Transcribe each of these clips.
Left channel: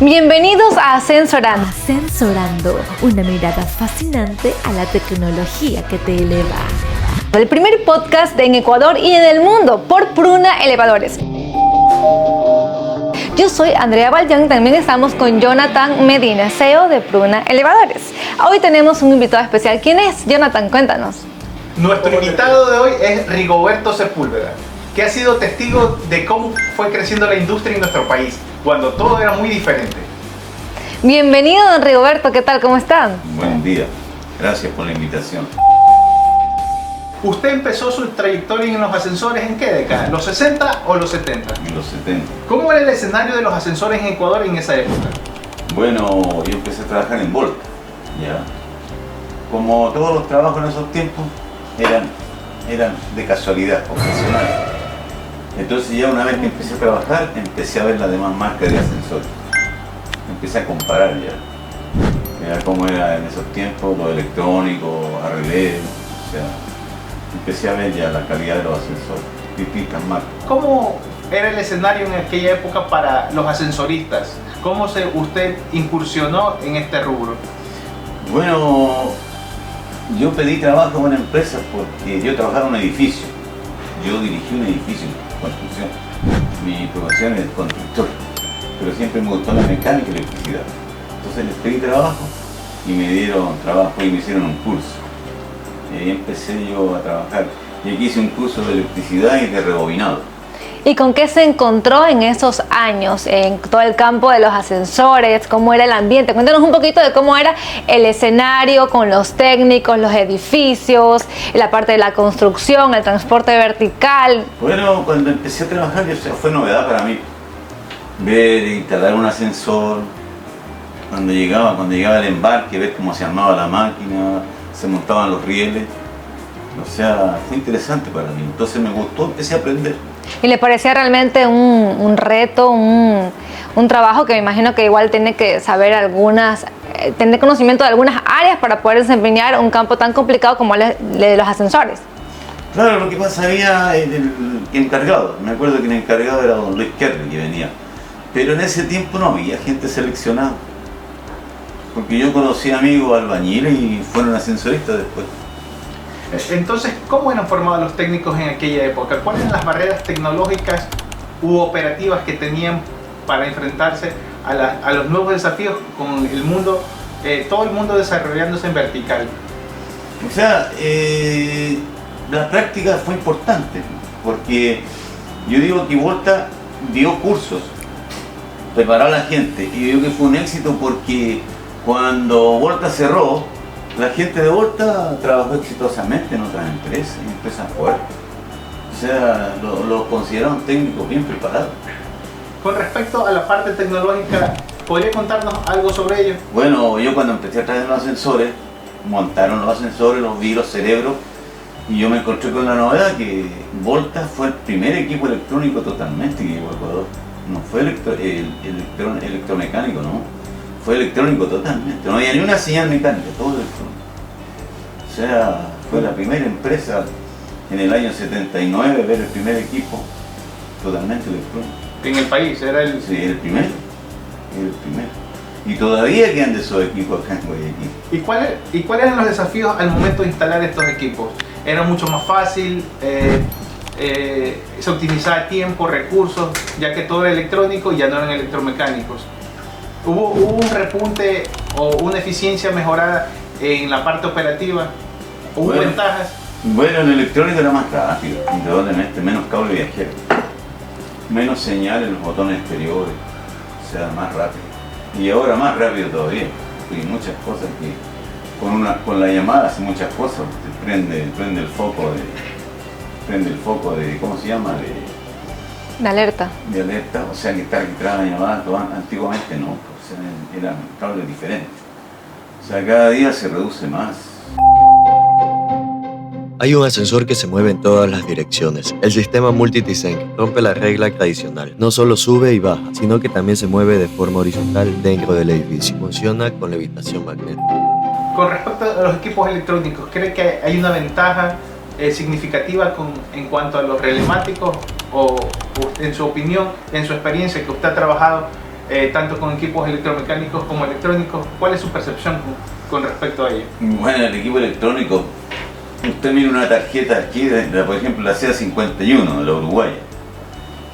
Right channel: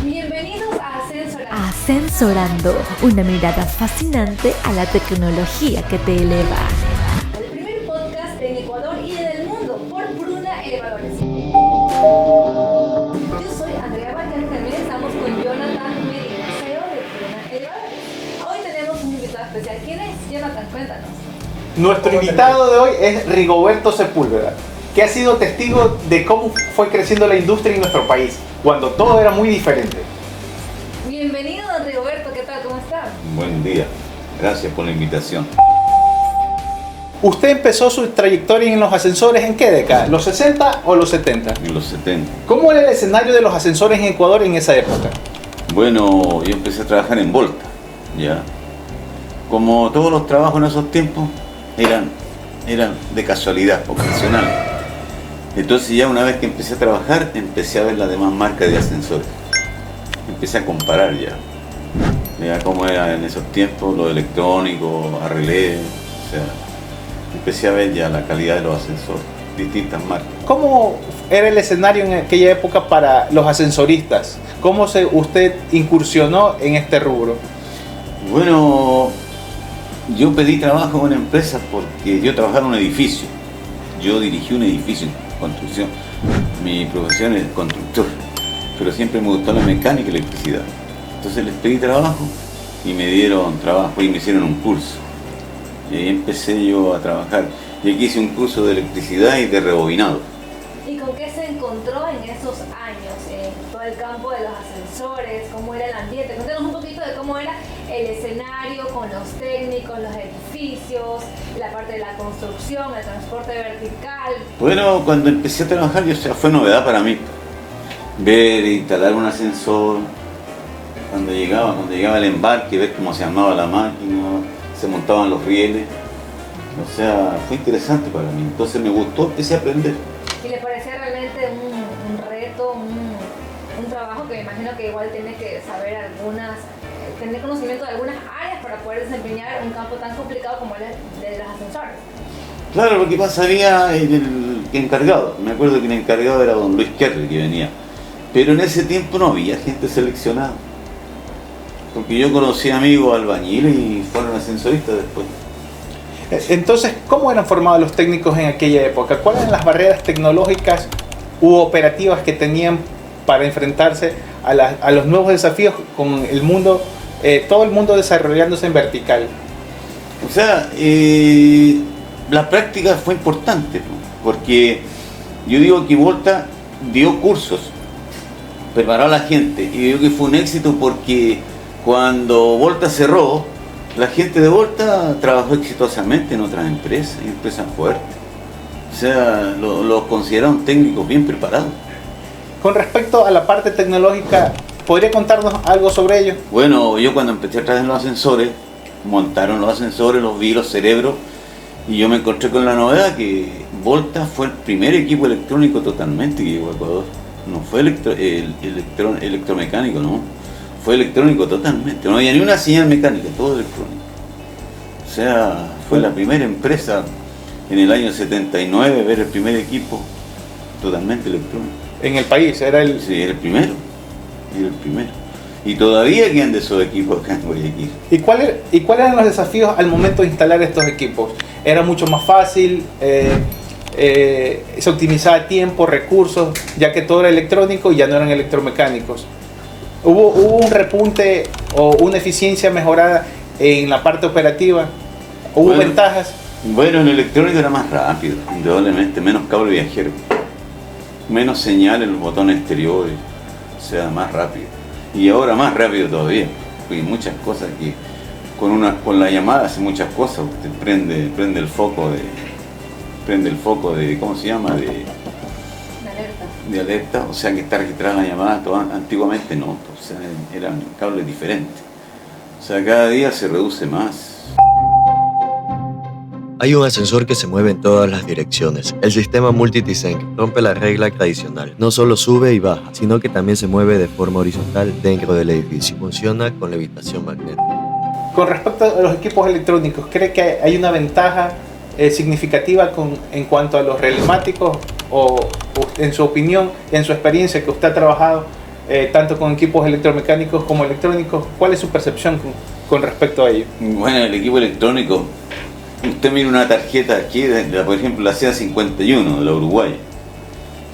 Bienvenidos a Ascensorando. Ascensorando, una mirada fascinante a la tecnología que te eleva. El primer podcast en Ecuador y en el mundo por Pruna Elevadores. Yo soy Andrea Valjean, también estamos con Jonathan Medina, CEO de Pruna Elevadores. Hoy tenemos un invitado especial. ¿Quién es? Jonathan, cuéntanos. Nuestro invitado de hoy es Rigoberto Sepúlveda, que ha sido testigo de cómo fue creciendo la industria en nuestro país, cuando todo era muy diferente. Bienvenido, don Rigoberto. ¿Qué tal? ¿Cómo están? Buen día. Gracias por la invitación. ¿Usted empezó su trayectoria en los ascensores en qué década? ¿Los 60 o los 70? En los 70. ¿Cómo era el escenario de los ascensores en Ecuador en esa época? Bueno, yo empecé a trabajar en Volta, ¿ya? Como todos los trabajos en esos tiempos eran de casualidad, ocasional. Entonces ya una vez que empecé a trabajar, empecé a ver las demás marcas de ascensores. Empecé a comparar ya cómo era en esos tiempos, lo electrónico, a relé, o sea, empecé a ver ya la calidad de los ascensores, distintas marcas. ¿Cómo era el escenario en aquella época para los ascensoristas? ¿Cómo usted incursionó en este rubro? Bueno, yo pedí trabajo en una empresa porque yo trabajaba en un edificio. Yo dirigí un edificio en construcción. Mi profesión es constructor, pero siempre me gustó la mecánica y la electricidad. Entonces les pedí trabajo y me dieron trabajo y me hicieron un curso. Y ahí empecé yo a trabajar. Y aquí hice un curso de electricidad y de rebobinado. ¿Y con qué se encontró en esos años, en todo el campo de los ascensores? ¿Cómo era el ambiente? Cuéntanos un poquito de cómo era el escenario con los técnicos, los edificios, la parte de la construcción, el transporte vertical. Bueno, cuando empecé a trabajar, fue novedad para mí. Ver e instalar un ascensor, cuando llegaba el embarque, ver cómo se armaba la máquina, se montaban los rieles. O sea, fue interesante para mí. Entonces me gustó, empecé a aprender. ¿Y le parecía realmente un reto, un trabajo que me imagino que igual tiene que saber tener conocimiento de algunas áreas para poder desempeñar un campo tan complicado como el de los ascensores? Claro, lo que pasa, había el encargado. Me acuerdo que el encargado era don Luis Kerry, que venía. Pero en ese tiempo no había gente seleccionada. Porque yo conocí amigos albañiles y fueron ascensoristas después. Entonces, ¿cómo eran formados los técnicos en aquella época? ¿Cuáles eran las barreras tecnológicas u operativas que tenían para enfrentarse a los nuevos desafíos con el mundo, todo el mundo desarrollándose en vertical? O sea, la práctica fue importante, porque yo digo que Volta dio cursos, preparó a la gente, y yo digo que fue un éxito porque cuando Volta cerró, la gente de Volta trabajó exitosamente en otras empresas fuertes. O sea, lo consideraron técnicos bien preparados. Con respecto a la parte tecnológica, ¿podría contarnos algo sobre ello? Bueno, yo cuando empecé a trabajar en los ascensores, montaron los ascensores, los vi, los cerebros, y yo me encontré con la novedad que Volta fue el primer equipo electrónico totalmente que llegó a Ecuador. No fue electromecánico, no. Fue electrónico totalmente, no había ni una señal mecánica, todo electrónico. O sea, fue la primera empresa en el año 79 ver el primer equipo totalmente electrónico. En el país, era el... Sí, el primero. Y todavía quedan de esos equipos acá en Guayaquil. ¿Y cuáles eran los desafíos al momento de instalar estos equipos? ¿Era mucho más fácil? ¿Se optimizaba tiempo, recursos, ya que todo era electrónico y ya no eran electromecánicos? ¿Hubo un repunte o una eficiencia mejorada en la parte operativa? ¿Hubo ventajas? Bueno, el electrónico era más rápido, indudablemente, menos cable viajero, menos señal en los botones exteriores, o sea, más rápido. Y ahora más rápido todavía, porque hay muchas cosas que con la llamada hace muchas cosas. Usted prende el foco de ¿cómo se llama? De alerta. De alerta, o sea que está registrada la llamada, antiguamente no, o sea, eran cables diferentes. O sea, cada día se reduce más. Hay un ascensor que se mueve en todas las direcciones. El sistema Multi-T-Sync rompe la regla tradicional. No solo sube y baja, sino que también se mueve de forma horizontal dentro del edificio. Funciona con levitación magnética. Con respecto a los equipos electrónicos, ¿cree que hay una ventaja significativa en cuanto a los relemáticos o en su opinión, en su experiencia que usted ha trabajado, tanto con equipos electromecánicos como electrónicos. ¿Cuál es su percepción con respecto a ello? Bueno, el equipo electrónico, usted mira una tarjeta que, por ejemplo, la CA51 de la Uruguay,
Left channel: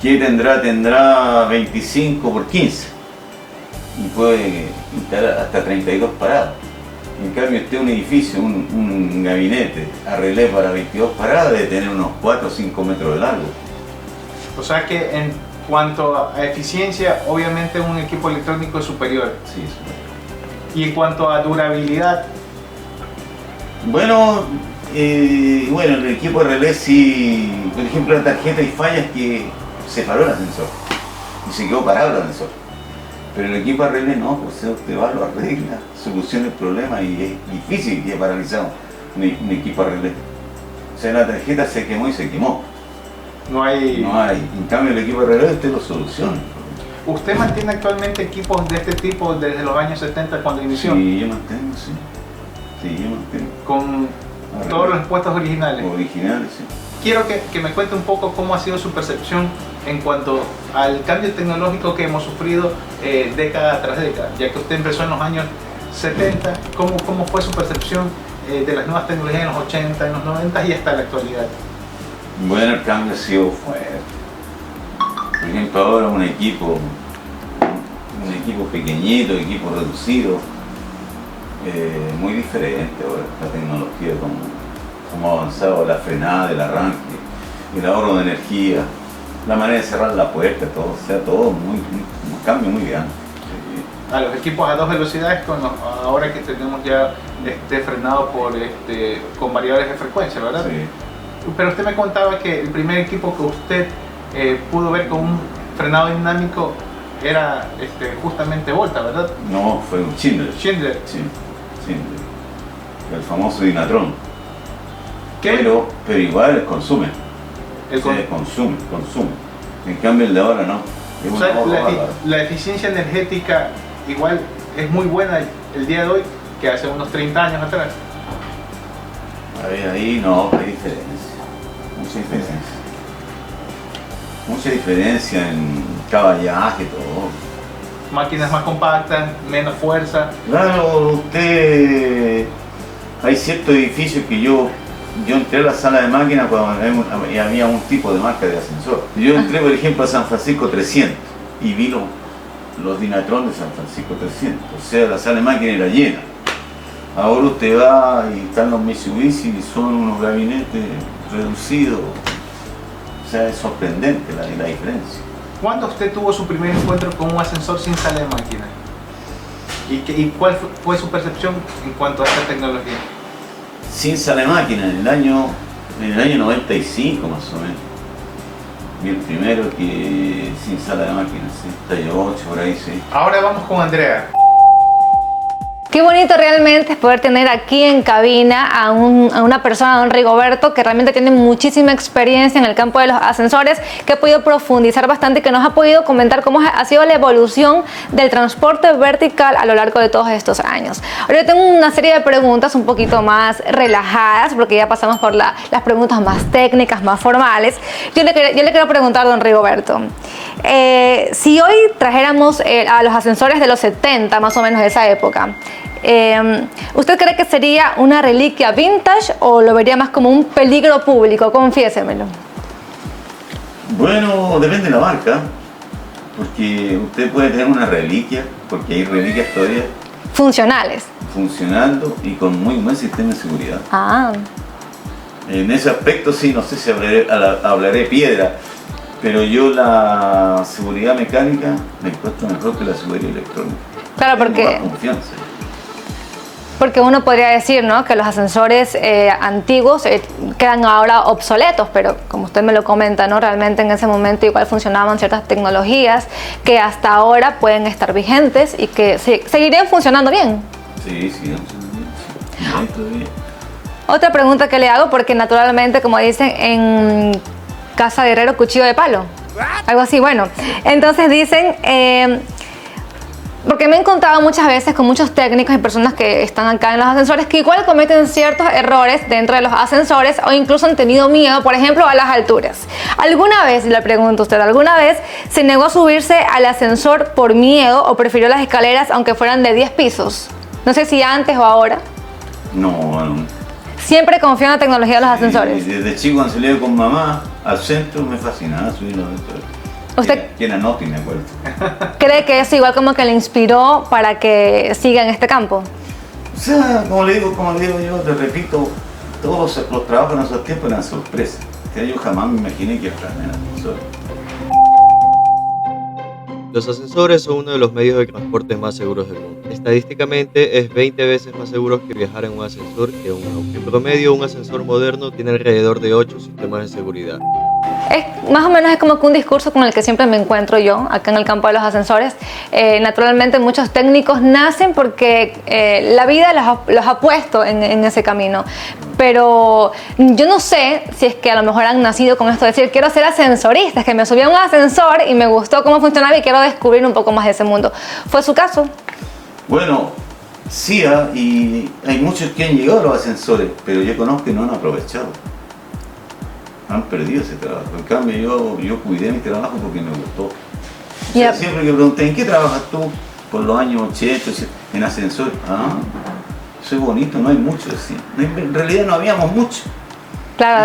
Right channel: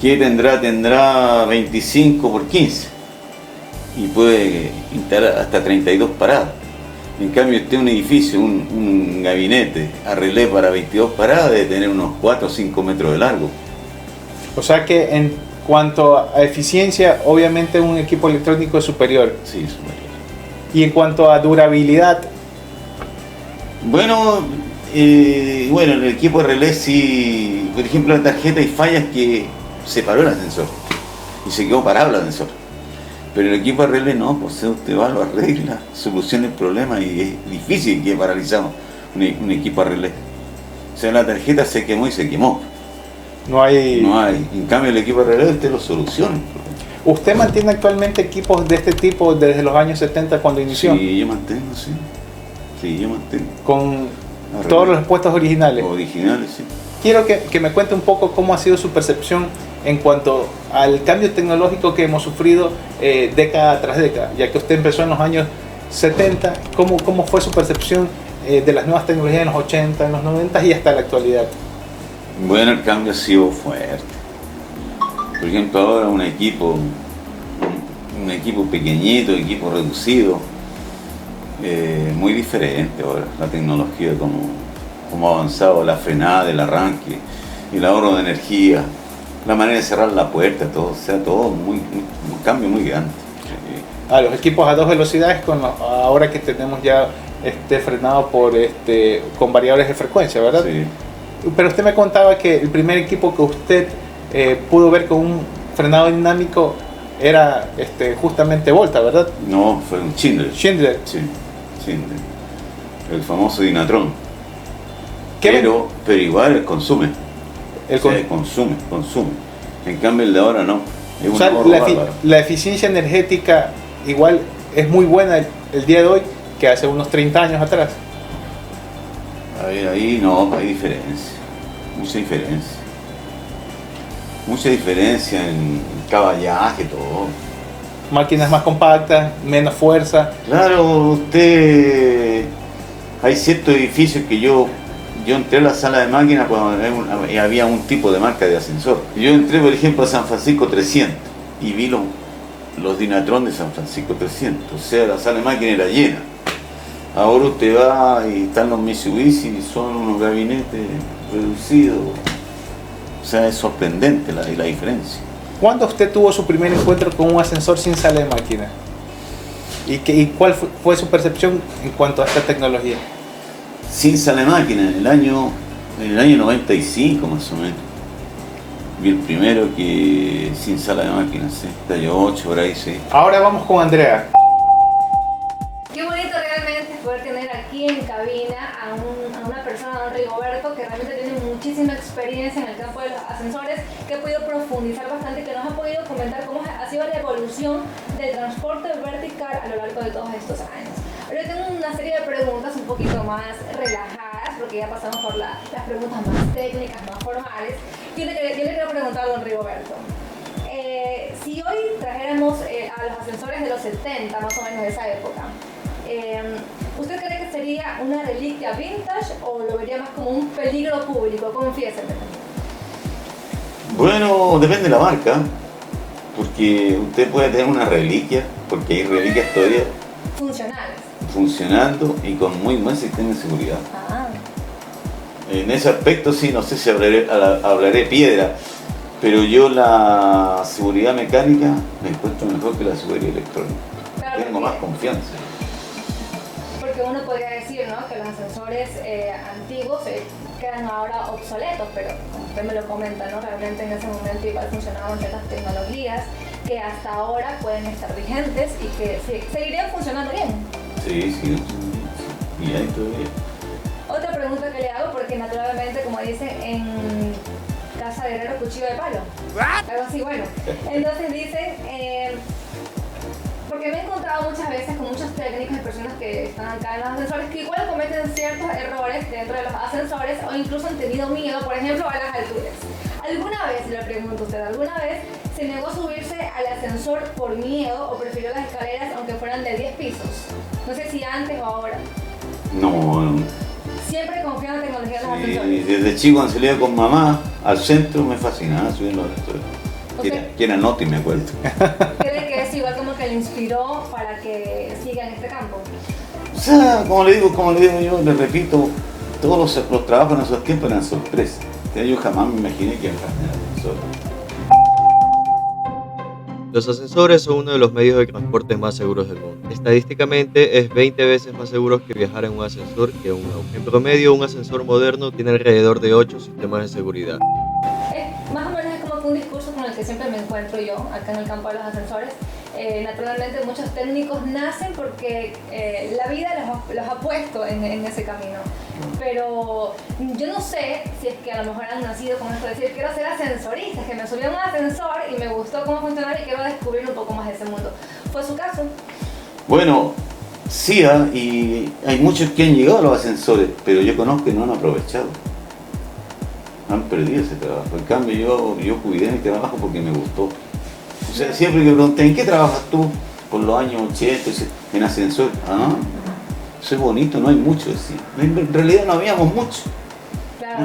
que tendrá 25 por 15 y puede instalar hasta 32 paradas. En cambio, un edificio, un gabinete a relé para 22 paradas debe tener unos 4 o 5 metros de largo. O sea que en cuanto a eficiencia, obviamente un equipo electrónico es superior. Sí, Y en cuanto a durabilidad, bueno, el equipo de relé, sí, por ejemplo, la tarjeta hay fallas que se paró el ascensor y se quedó parado el ascensor. Pero el equipo de relé no, o sea, usted va, lo arregla, soluciona el problema y es difícil que paralizado un equipo de relé. O sea, la tarjeta se quemó y se quemó. no hay... En cambio, el equipo de relé usted lo soluciona. ¿Usted mantiene actualmente equipos de este tipo desde los años 70 cuando inició? Sí, yo mantengo, sí. Sí, yo mantengo. Con todos los puestos originales. Originales, sí. Quiero que me cuente un poco cómo ha sido su percepción en cuanto al cambio tecnológico que hemos sufrido década tras década, ya que usted empezó en los años 70, ¿cómo fue su percepción de las nuevas tecnologías en los 80, en los 90 y hasta la actualidad? Bueno, el cambio ha sido fuerte. Por ejemplo, ahora un equipo pequeñito, un equipo reducido, muy diferente ahora, la tecnología, como ha avanzado, la frenada, el arranque, el ahorro de energía, la manera de cerrar la puerta, todo, o sea, todo un cambio muy grande. A los equipos a 2 velocidades, ahora que tenemos ya frenado con variables de frecuencia, ¿verdad? Sí. Pero usted me contaba que el primer equipo que usted pudo ver con un frenado dinámico era justamente Volta, ¿verdad? No, fue un Schindler. Schindler. Sí, Schindler. El famoso Dynatron. ¿Qué? Pero igual consume. Consume. En cambio el de ahora no. O sea, la eficiencia energética igual es muy buena el día de hoy que hace unos 30 años atrás. A ver, ahí no, hay diferencia. Mucha diferencia en caballaje, todo. Máquinas más compactas, menos fuerza. Claro, hay ciertos edificios que yo entré a la sala de máquinas y había un tipo de marca de ascensor. Yo entré, por ejemplo, a San Francisco 300 y vi los Dynatron de San Francisco 300. O sea, la sala de máquinas era llena. Ahora usted va y están los Mitsubishi y son unos gabinetes reducidos. O sea, es sorprendente la diferencia. ¿Cuándo usted tuvo su primer encuentro con un ascensor sin sala de máquina? ¿Y cuál fue su percepción en cuanto a esta tecnología? Sin sala de máquina, en el año 95 más o menos. Vi el primero que sin sala de máquina, 78, por ahí sí. Ahora vamos con Andrea. Qué bonito realmente es poder tener aquí en cabina a una persona, a don Rigoberto, que realmente tiene muchísima experiencia en el campo de los ascensores, que ha podido profundizar bastante y que nos ha podido comentar cómo ha sido la evolución del transporte vertical a lo largo de todos estos años. Ahora yo tengo una serie de preguntas un poquito más relajadas, porque ya pasamos por las preguntas más técnicas, más formales. Yo le quiero preguntar a don Rigoberto, si hoy trajéramos a los ascensores de los 70, más o menos de esa época, ¿usted cree que sería una reliquia vintage o lo vería más como un peligro público? Confiésemelo. Bueno, depende de la marca, porque usted puede tener una reliquia, porque hay reliquias todavía Funcionales. funcionando y con muy buen sistema de seguridad. Ah. En ese aspecto sí, no sé si hablaré piedra, pero yo la seguridad mecánica la encuentro mejor que la seguridad electrónica. Claro, Tengo porque... más confianza. Porque uno podría decir, ¿no?, que los ascensores antiguos quedan ahora obsoletos, pero como usted me lo comenta, ¿no?, realmente en ese momento igual funcionaban ciertas tecnologías que hasta ahora pueden estar vigentes y que seguirían funcionando bien. Sí. Otra pregunta que le hago, porque naturalmente, como dicen, en casa de herrero, cuchillo de palo. Algo así, bueno. Entonces dicen... Porque me he encontrado muchas veces con muchos técnicos y personas que están acá en los ascensores que igual cometen ciertos errores dentro de los ascensores o incluso han tenido miedo, por ejemplo, a las alturas. ¿Alguna vez, le pregunto a usted, alguna vez se negó a subirse al ascensor por miedo o prefirió las escaleras aunque fueran de 10 pisos? No sé si antes o ahora. No. Siempre confió en la tecnología de los ascensores. Desde chico cuando salía con mamá al centro me fascinaba subir los ascensores. ¿Usted ¿Quién anota y me acuerdo? cree que eso igual como que le inspiró para que siga en este campo? O sea, como le digo yo, le repito, todos los trabajos en esos tiempos eran sorpresas. O sea, yo jamás me imaginé que iba a tener ascensores. Los ascensores son uno de los medios de transporte más seguros del mundo. Estadísticamente es 20 veces más seguro que viajar en un ascensor que en un auto. En promedio, un ascensor moderno tiene alrededor de 8 sistemas de seguridad. Más o menos es como que un discurso con el que siempre me encuentro yo acá en el campo de los ascensores. Naturalmente muchos técnicos nacen porque la vida los ha puesto en ese camino, pero yo no sé si es que a lo mejor han nacido con esto de decir quiero ser ascensorista, es que me subí a un ascensor y me gustó cómo funcionaba y quiero descubrir un poco más de ese mundo. ¿Fue su caso? Bueno, sí, y hay muchos que han llegado a los ascensores, pero yo conozco que no han aprovechado. Han perdido ese trabajo. En cambio, yo cuidé mi trabajo porque me gustó. O sea, siempre que pregunté, ¿en qué trabajas tú? Por los años 80, en ascensor. Eso es bonito, no hay mucho. En realidad no habíamos mucho. Claro,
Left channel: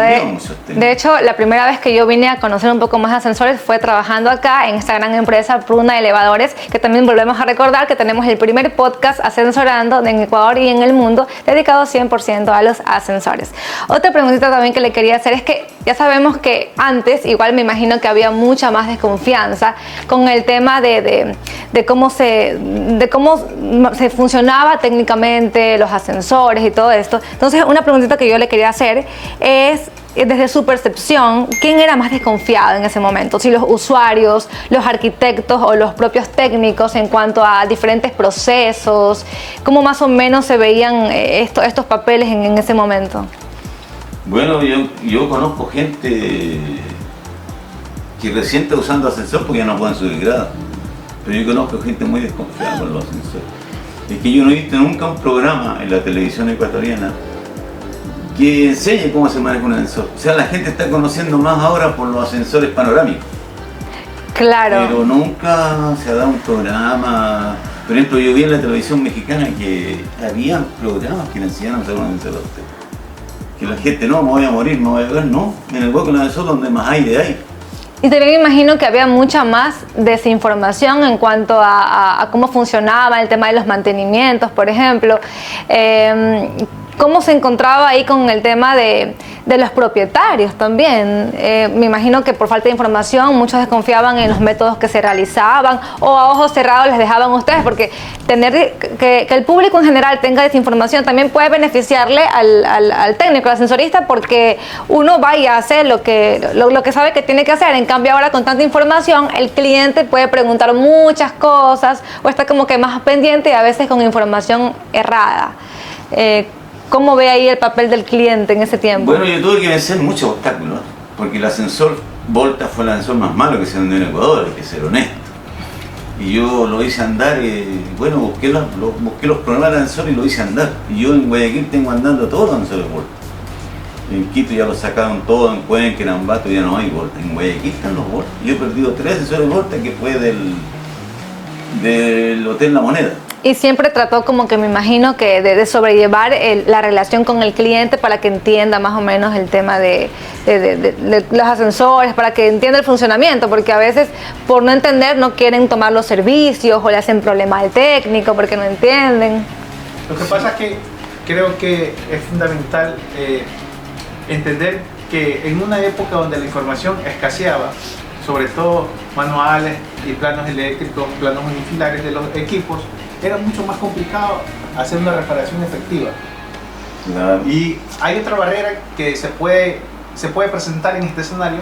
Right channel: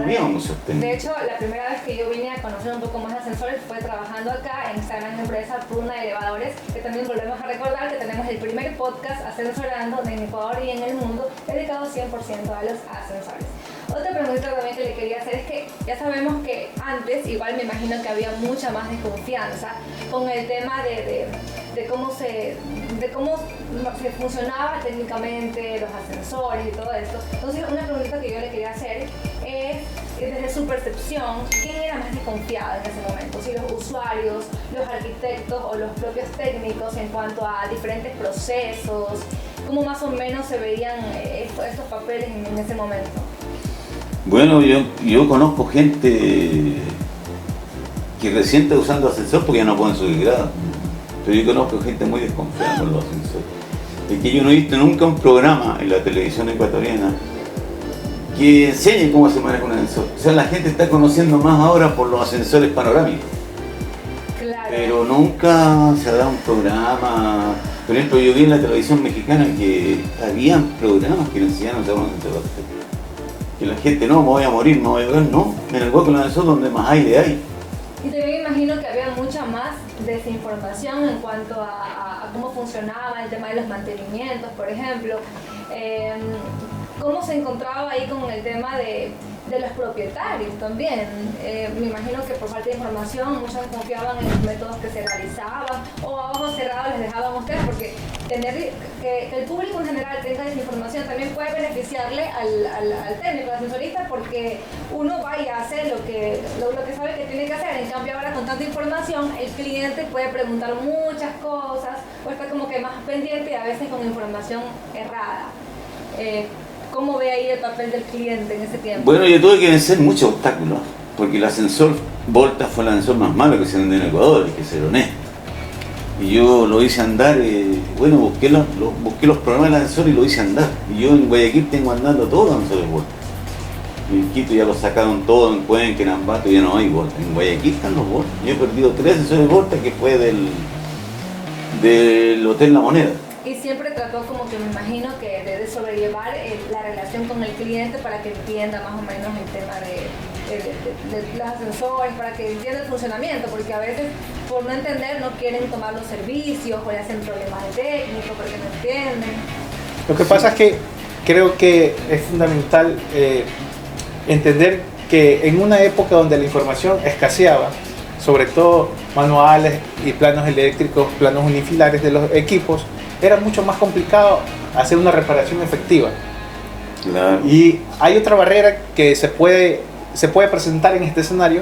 de hecho, la primera vez que yo vine a conocer un poco más de ascensores fue trabajando acá en esta gran empresa Pruna Elevadores, que también volvemos a recordar que tenemos el primer podcast Ascensorando en Ecuador y en el mundo dedicado 100% a los ascensores. Otra preguntita también que le quería hacer es que ya sabemos que antes, igual me imagino que había mucha más desconfianza con el tema de cómo se funcionaba técnicamente los ascensores y todo esto. Entonces, una preguntita que yo le quería hacer es, desde su percepción, ¿quién era más desconfiado en ese momento? Si los usuarios, los arquitectos o los propios técnicos en cuanto a diferentes procesos, ¿cómo más o menos se veían estos papeles en ese momento? Bueno, yo conozco gente que recién está usando ascensor porque ya no pueden subir gradas. Pero yo conozco gente muy desconfiada con los ascensores. Es que yo no he visto nunca un programa en la televisión ecuatoriana que enseñe cómo se maneja un ascensor. O sea, la gente está conociendo más ahora por los ascensores panorámicos. Claro. Pero nunca se ha dado un programa. Por ejemplo, yo vi en la televisión mexicana que habían programas que le enseñaron a usar un ascensor. Que la gente, no, me voy a morir, me voy a ver, no. En el hueco del ascensor donde más aire hay. Y también me imagino que había mucha más desinformación en cuanto a cómo funcionaba el tema de los mantenimientos, por ejemplo. ¿Cómo se encontraba ahí con el tema de los propietarios también? Me imagino que por falta de información muchos desconfiaban en los métodos que se realizaban o a ojos cerrados les dejaban a ustedes, porque que el público en general tenga desinformación también puede beneficiarle al técnico, al ascensorista, porque uno va y hace lo que sabe que tiene que hacer. En cambio ahora con tanta información el cliente puede preguntar muchas cosas o está como que más pendiente y a veces con información errada. ¿Cómo ve ahí el papel del cliente en ese tiempo? Bueno, yo tuve que vencer muchos obstáculos, porque el ascensor Volta fue el ascensor más malo que se vendió en Ecuador, hay que ser honesto. Y yo lo hice andar, bueno, busqué los problemas del ascensor y lo hice andar. Y yo en Guayaquil tengo andando todos los ascensores Volta. En Quito ya lo sacaron todo, en Cuenca, en Ambato ya no hay Volta. En Guayaquil están los Volta. Yo he perdido 3 ascensores Volta que fue del Hotel La Moneda. Y siempre trató como que me imagino que de sobrellevar la relación con el cliente para que entienda más o menos el tema de los ascensores, para que entienda el funcionamiento, porque a veces por no entender no quieren tomar los servicios o le hacen problemas al técnico porque no entienden. Lo que pasa es que creo que es fundamental entender que en una época donde la información escaseaba, sobre todo manuales y planos eléctricos, planos unifilares de los equipos, era mucho más complicado hacer una reparación efectiva. Claro. Y hay otra barrera que se puede presentar en este escenario,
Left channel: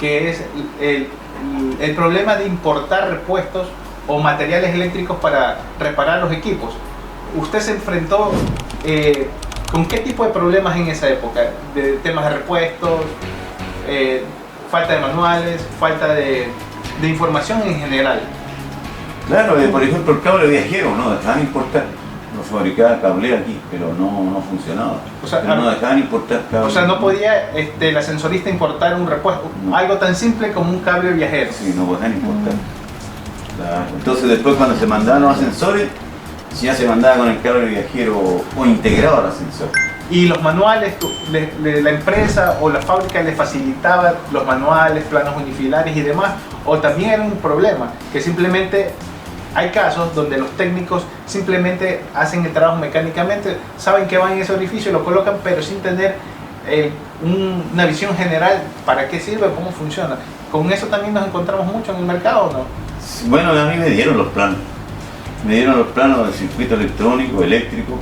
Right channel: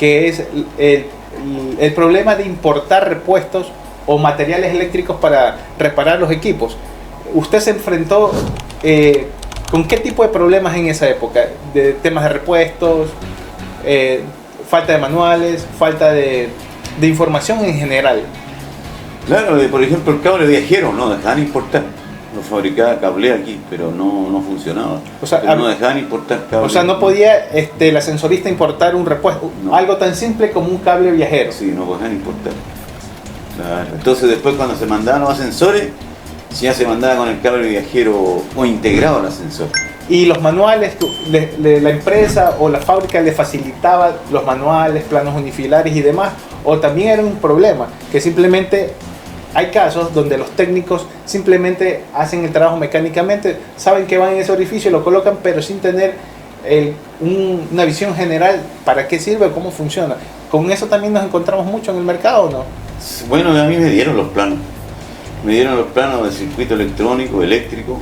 que es el problema de importar repuestos o materiales eléctricos para reparar los equipos. ¿Usted se enfrentó con qué tipo de problemas en esa época? ¿De temas de repuestos, falta de manuales, falta de información en general? Claro, por ejemplo, el cable viajero no dejaban importar. Lo fabricaba cable aquí, pero no funcionaba. O sea, no dejaban importar cable. O sea, no podía el ascensorista importar un repuesto, No. algo tan simple como un cable viajero. Sí, no dejaban importar. Claro. Entonces después cuando se mandaban los ascensores, ya se mandaba con el cable viajero o integrado al ascensor. Y los manuales, la empresa o la fábrica le facilitaba los manuales, planos unifilares y demás, o también era un problema, que simplemente hay casos donde los técnicos simplemente hacen el trabajo mecánicamente, saben que van en ese orificio y lo colocan, pero sin tener una visión general para qué sirve, cómo funciona. Con eso también nos encontramos mucho en el mercado, ¿no? Bueno, a mí me dieron los planos. Me dieron los planos del circuito electrónico, eléctrico.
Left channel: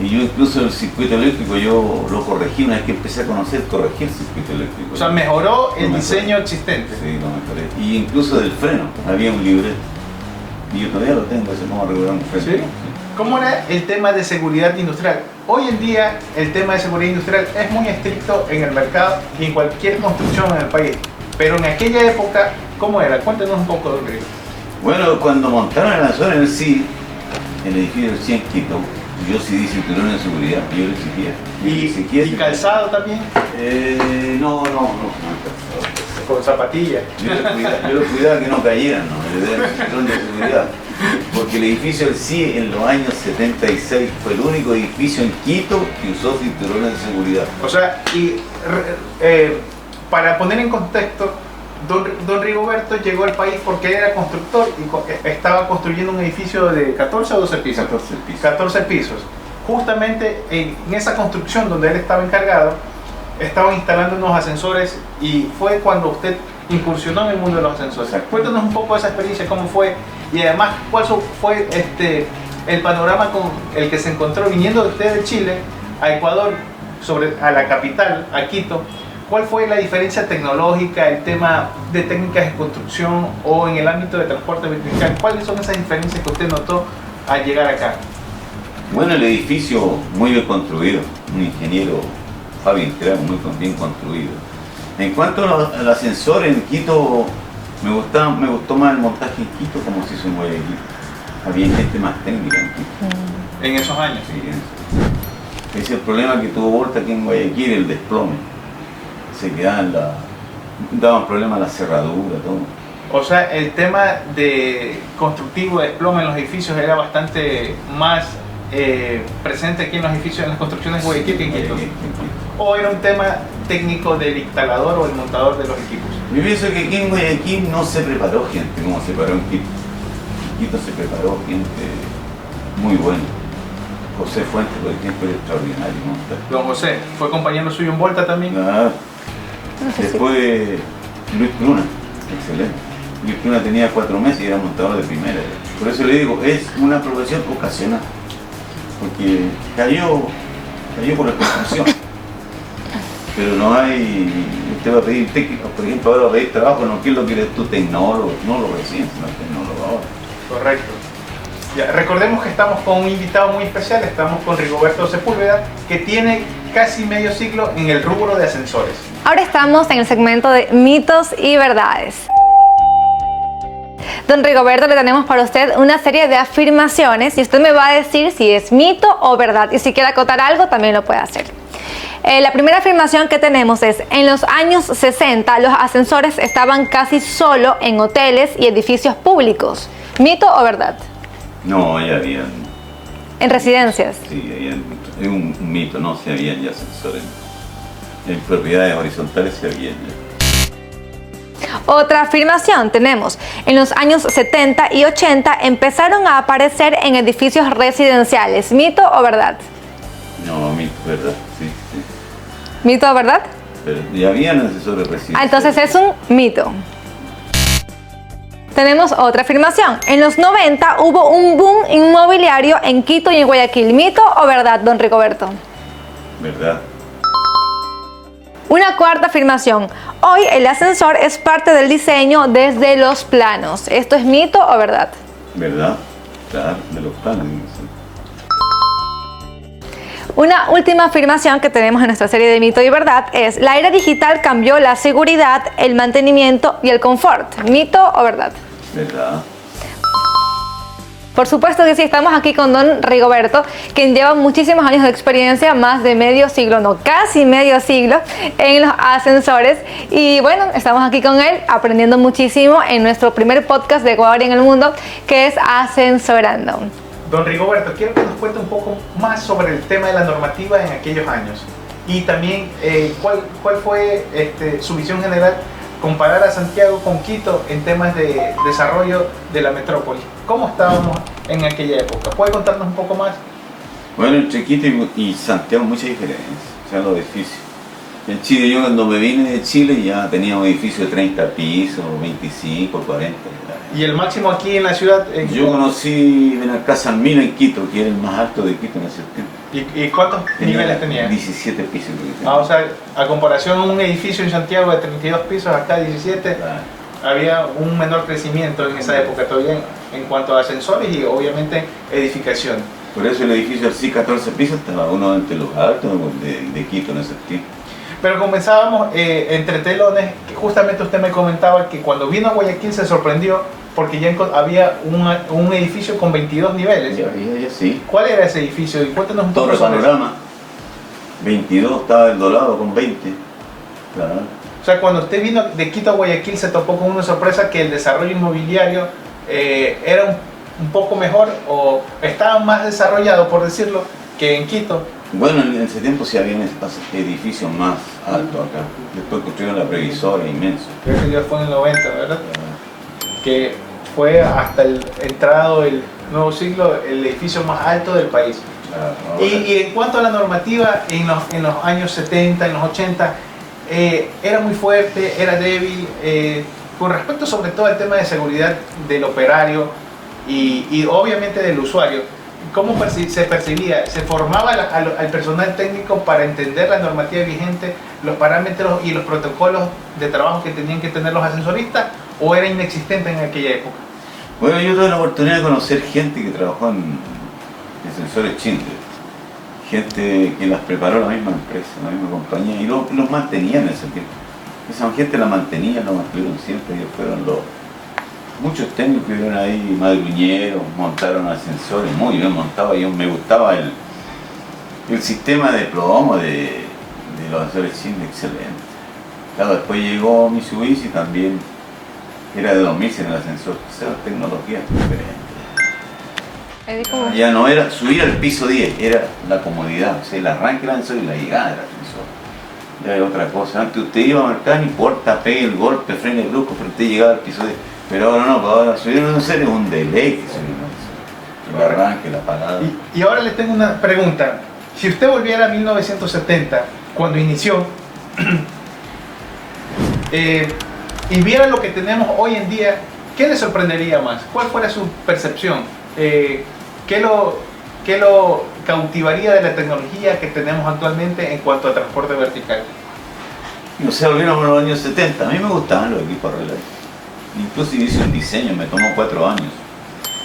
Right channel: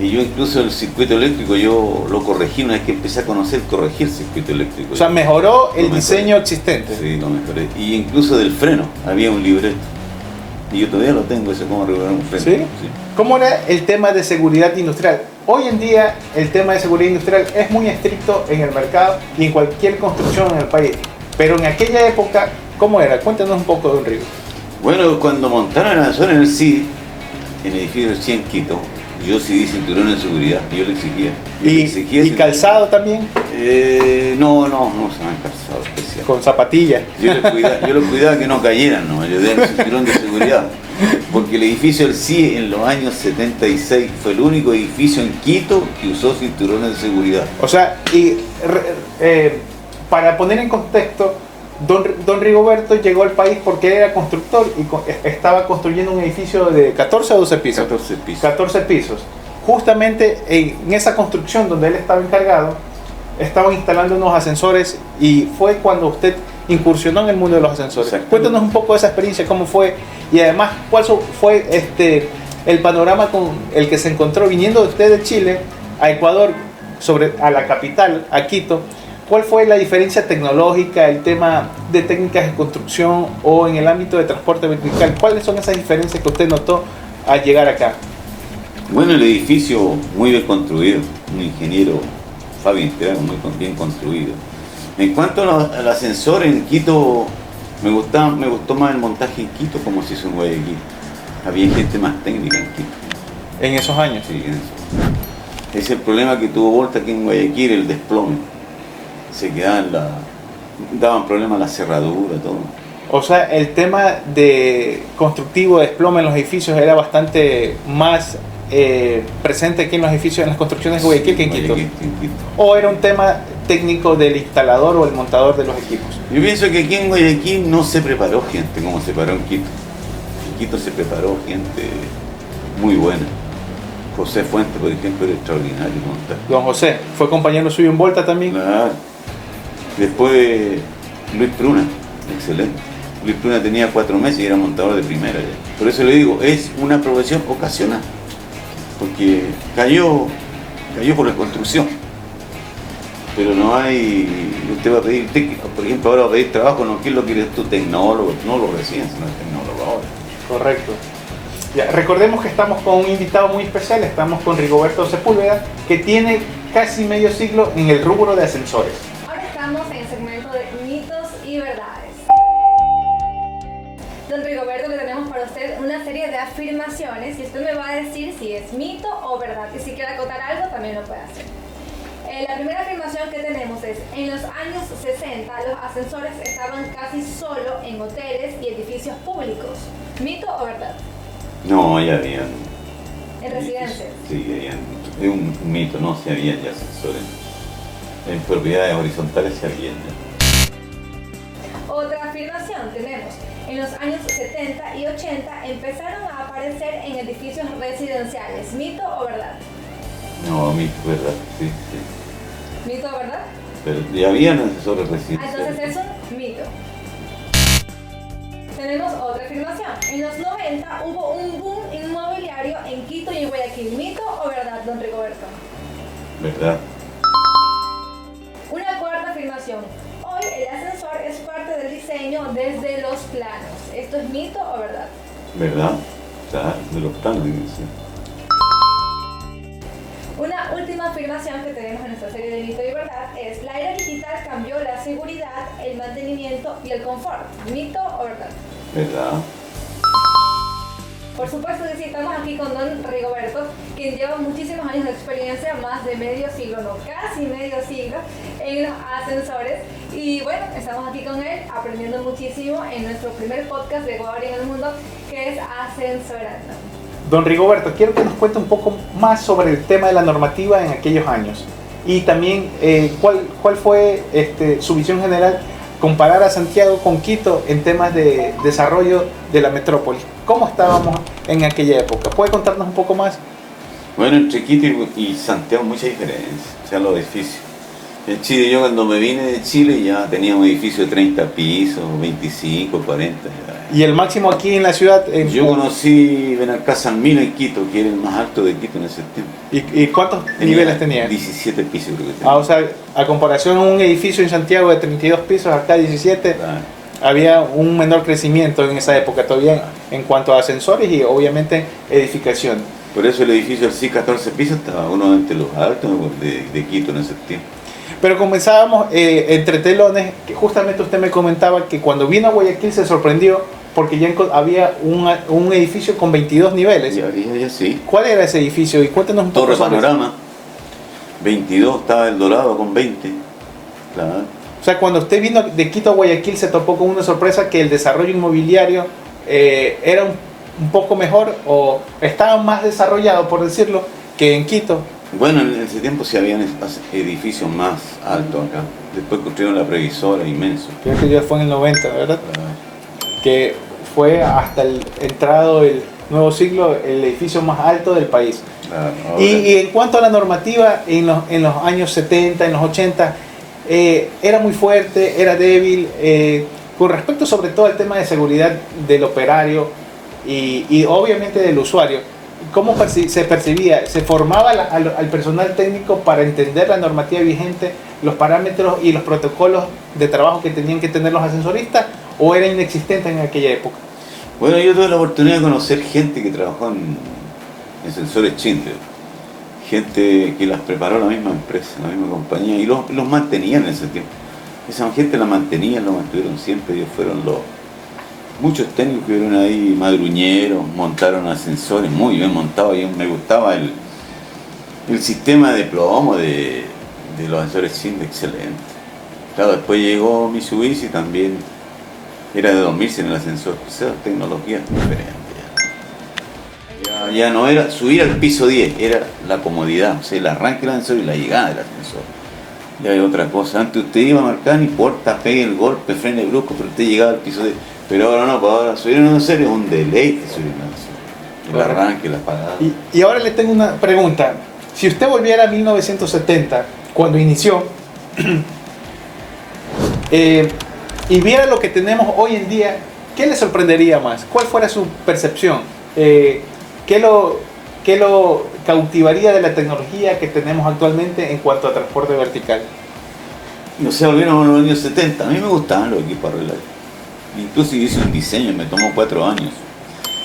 Y yo incluso el circuito eléctrico yo lo corregí una vez que empecé a conocer, corregí el circuito eléctrico. O sea, mejoró el diseño existente. Sí, lo mejoré. Y incluso del freno, había un libreto. Y yo todavía lo tengo, ese cómo regular un freno. ¿Sí? ¿Cómo era el tema de seguridad industrial? Hoy en día el tema de seguridad industrial es muy estricto en el mercado y en cualquier construcción en el país. Pero en aquella época, ¿cómo era? Cuéntanos un poco, don Rigo. Bueno, cuando montaron el ascensor en el CID, en el edificio del 100 Quito, yo sí di cinturón de seguridad, yo lo exigía. ¿Y calzado también? No se me han calzado especial. Con zapatillas. Yo los cuidaba que no cayeran, ¿no? Yo daba el cinturón de seguridad. Porque el edificio del CIE en los años 76 fue el único edificio en Quito que usó cinturones de seguridad. O sea, para poner en contexto, don Rigoberto llegó al país porque era constructor y estaba construyendo un edificio de 14 o 12 pisos. 14 pisos. 14 pisos. Justamente en esa construcción donde él estaba encargado, estaban instalando unos ascensores y fue cuando usted incursionó en el mundo de los ascensores. Cuéntanos un poco de esa experiencia, cómo fue y además cuál fue el panorama con el que se encontró viniendo usted de Chile a Ecuador, a la capital, a Quito. ¿Cuál fue la diferencia tecnológica, el tema de técnicas de construcción o en el ámbito de transporte vertical? ¿Cuáles son esas diferencias que usted notó al llegar acá? Bueno, el edificio muy bien construido, un ingeniero Fabio Inclán, muy bien construido. En cuanto al ascensor en Quito, me gustó más el montaje en Quito como se hizo en Guayaquil. Había gente más técnica en Quito. En esos años. Sí, ese es el problema que tuvo Volta aquí en Guayaquil, el desplome. Se quedaban daban problemas a la cerradura, todo. O sea, el tema de constructivo de desplome en los edificios era bastante más presente aquí en los edificios, en las construcciones de Guayaquil que en Quito. ¿O era un tema técnico del instalador o el montador de los equipos? Yo pienso que aquí en Guayaquil no se preparó gente como se preparó en Quito. En Quito se preparó gente muy buena. José Fuentes, por ejemplo, era extraordinario. Don José, ¿fue compañero suyo en Volta también? Claro. Después Luis Pruna, excelente. Luis Pruna tenía 4 meses y era montador de primera. Por eso le digo, es una profesión ocasional. Porque cayó por la construcción. Pero no hay, usted va a pedir técnico, por ejemplo, ahora va a pedir trabajo, no quién lo quieres tú, tecnólogo, no lo recién, sino tecnólogo ahora. Correcto. Ya, recordemos que estamos con un invitado muy especial, estamos con Rigoberto Sepúlveda, que tiene casi medio siglo en el rubro de ascensores. Ahora estamos en el segmento de mitos y verdades. Don Rigoberto, le tenemos para usted una serie de afirmaciones y usted me va a decir si es mito o verdad. Y si quiere acotar algo, también lo puede hacer. La primera afirmación que tenemos es: en los años 60 los ascensores estaban casi solo en hoteles y edificios públicos. ¿Mito o verdad? No, ya habían. ¿En residencias? Sí, habían. Es un mito, no se habían ya ascensores. En propiedades horizontales se habían ya. Otra afirmación tenemos: en los años 70 y 80 empezaron a aparecer en edificios residenciales. ¿Mito o verdad? No, mito, verdad, sí. ¿Mito o verdad? Pero ya habían asesores residenciales. Entonces es un mito. Tenemos otra afirmación: en los 90 hubo un boom inmobiliario en Quito y en Guayaquil. ¿Mito o verdad, don Rigoberto? Verdad. Una cuarta afirmación: hoy el ascensor es parte del diseño desde los planos. ¿Esto es mito o verdad? ¿Verdad? Claro, de los planos. Sí. Una última afirmación que tenemos en nuestra serie de mito y verdad es: la era digital cambió la seguridad, el mantenimiento y el confort. ¿Mito o verdad? ¿Verdad? Por supuesto que sí, estamos aquí con don Rigoberto, quien lleva muchísimos años de experiencia, más de medio siglo, no, casi medio siglo, en los ascensores. Y bueno, estamos aquí con él aprendiendo muchísimo en nuestro primer podcast de Ecuador y en el mundo, que es Ascensorando. Don Rigoberto, quiero que nos cuente un poco más sobre el tema de la normativa en aquellos años. Y también, ¿cuál fue su visión general comparar a Santiago con Quito en temas de desarrollo de la metrópoli? ¿Cómo estábamos en aquella época? ¿Puede contarnos un poco más? Bueno, entre Quito y Santiago mucha diferencia, o sea, los edificios. En Chile, yo cuando me vine de Chile ya tenía un edificio de 30 pisos, 25, 40. ¿Y el máximo aquí en la ciudad? Yo conocí Benalcázar Mila en Quito, que era el más alto de Quito en ese tiempo. ¿Y cuántos niveles tenía? 17 pisos creo que tenía. O sea, a comparación a un edificio en Santiago de 32 pisos, acá 17, Claro. había un menor crecimiento en esa época todavía en cuanto a ascensores y obviamente edificación. Por eso el edificio así 14 pisos estaba uno entre los altos de Quito en ese tiempo. Pero comenzábamos entre telones, que justamente usted me comentaba que cuando vino a Guayaquil se sorprendió porque ya había un edificio con 22 niveles. Ya sí. ¿Cuál era ese edificio? Y cuéntenos un poco Torre sobre eso. Panorama, 22, estaba el Dorado con 20. Claro. O sea, cuando usted vino de Quito a Guayaquil se topó con una sorpresa que el desarrollo inmobiliario era un poco mejor o estaba más desarrollado, por decirlo, que en Quito. Bueno, en ese tiempo sí habían edificios más altos acá. Después construyeron la Previsora, inmenso. Creo que ya fue en el 90, ¿verdad? Que fue hasta el entrado del nuevo siglo el edificio más alto del país. Claro, Y en cuanto a la normativa, en los años 70, en los 80, era muy fuerte, era débil, con respecto sobre todo al tema de seguridad del operario y obviamente del usuario. ¿Cómo se percibía? ¿Se formaba al personal técnico para entender la normativa vigente, los parámetros y los protocolos de trabajo que tenían que tener los ascensoristas o era inexistente en aquella época? Bueno, yo tuve la oportunidad de conocer gente que trabajó en ascensores Schindler, gente que las preparó la misma empresa, la misma compañía, y los mantenían en ese tiempo. Esa gente la mantenían, lo mantuvieron siempre, ellos fueron muchos técnicos vieron ahí madruñeros, montaron ascensores muy bien montados, yo me gustaba el sistema de plomo de los ascensores Schindler, excelente. Claro, después llegó Mitsubishi, también era de 2000 en el ascensor, o sea, tecnología diferente. Ya no era subir al piso 10, era la comodidad, o sea, el arranque del ascensor y la llegada del ascensor. Ya hay otra cosa, antes usted iba a marcar, no importa, pegue el golpe, frene brusco, pero usted llegaba al piso 10. Pero ahora no, para ahora subir un ascensor es un deleite, el arranque, la parada. Y ahora le tengo una pregunta. Si usted volviera a 1970, cuando inició, y viera lo que tenemos hoy en día, ¿qué le sorprendería más? ¿Cuál fuera su percepción? ¿Qué lo cautivaría de la tecnología que tenemos actualmente en cuanto a transporte vertical? O sea, lo vieron en los años 70, a mí me gustaban los equipos arreglados. Incluso hice un diseño, me tomó 4 años.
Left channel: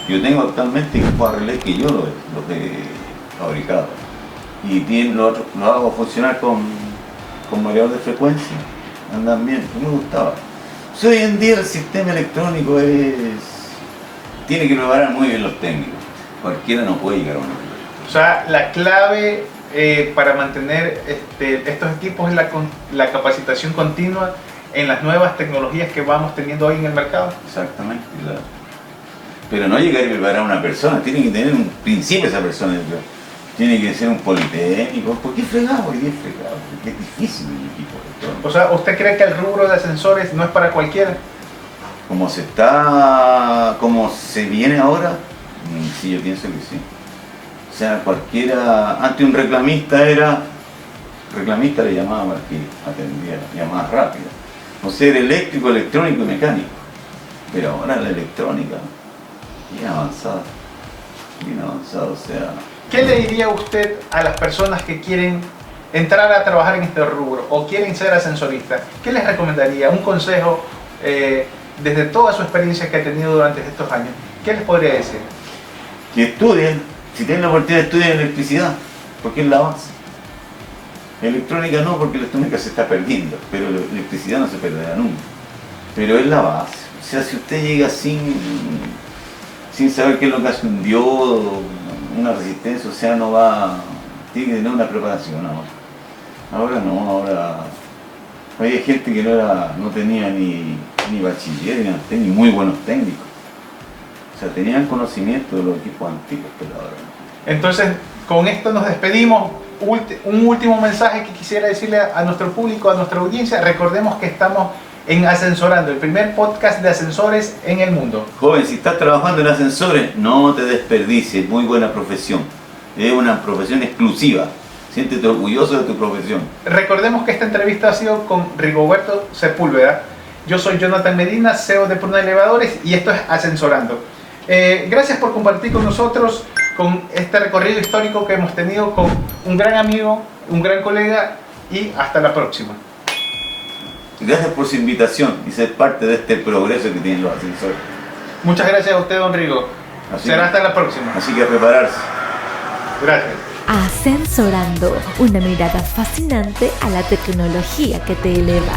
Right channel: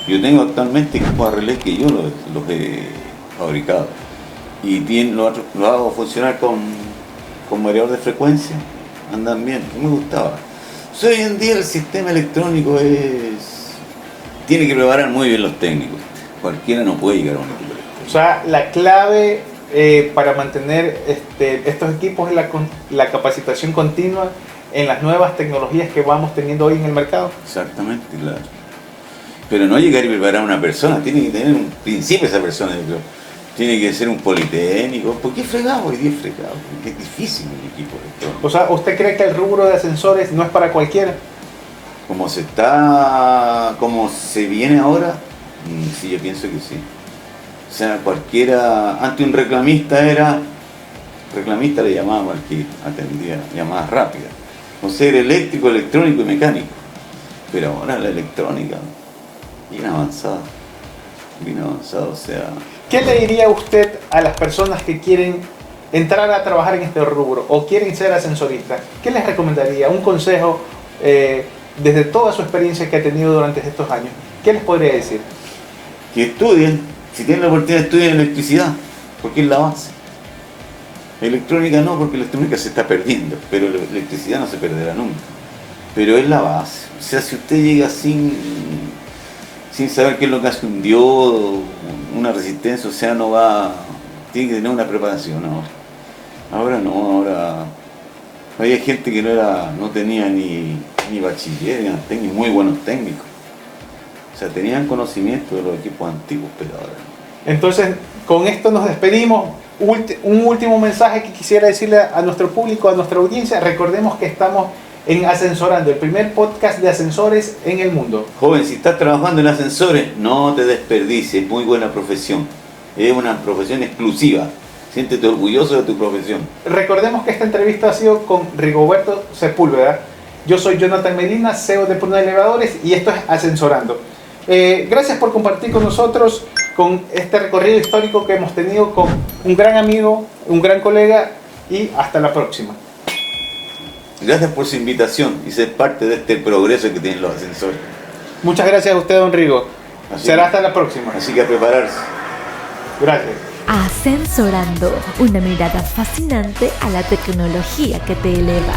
Yo tengo actualmente equipos arreglados que yo los he fabricado. Y los hago funcionar con variador de frecuencia, andan bien, me gustaba. O sea, hoy en día el sistema electrónico tiene que preparar muy bien los técnicos. Cualquiera no puede llegar a un nivel. O sea, la clave para mantener estos equipos es la capacitación continua en las nuevas tecnologías que vamos teniendo hoy en el mercado. Exactamente, claro. Pero no llegar a preparar a una persona, tiene que tener un principio esa persona. Tiene que ser un politécnico. ¿Por qué fregado? Hoy día fregado. Porque es difícil el equipo. O sea, ¿usted cree que el rubro de ascensores no es para cualquiera? Como se viene ahora, sí, yo pienso que sí. O sea, cualquiera, antes un reclamista le llamaba al que atendía llamadas rápidas. O sea, era eléctrico, electrónico y mecánico. Pero ahora la electrónica, bien avanzada, o sea... ¿Qué le diría usted a las personas que quieren entrar a trabajar en este rubro o quieren ser ascensoristas? ¿Qué les recomendaría? Un consejo desde toda su experiencia que ha tenido durante estos años. ¿Qué les podría decir? Que estudien, si tienen la oportunidad de estudiar electricidad, porque es la base. Electrónica no, porque la electrónica se está perdiendo, pero la electricidad no se perderá nunca. Pero es la base. O sea, si usted llega sin sin saber qué es lo que hace un diodo, una resistencia, o sea, tiene que tener una preparación ahora. Ahora había gente que no tenía ni bachiller, ni muy buenos técnicos. O sea, tenían conocimiento de los equipos antiguos, pero ahora no. Entonces, con esto nos despedimos. Un último mensaje que quisiera decirle a nuestro público, a nuestra audiencia. Recordemos que estamos en Ascensorando, el primer podcast de ascensores en el mundo. Joven, si estás trabajando en ascensores, no te desperdicies, muy buena profesión. Es una profesión exclusiva. Siéntete orgulloso de tu profesión. Recordemos que esta entrevista ha sido con Rigoberto Sepúlveda. Yo soy Jonathan Medina, CEO de Pruna Elevadores, y esto es Ascensorando. Gracias por compartir con nosotros con este recorrido histórico que hemos tenido con un gran amigo, un gran colega, y hasta la próxima. Gracias por su invitación y ser parte de este progreso que tienen los ascensores. Muchas gracias a usted, don Rigo. Será hasta la próxima. Así que a prepararse. Gracias. Ascensorando, una mirada fascinante a la tecnología que te eleva.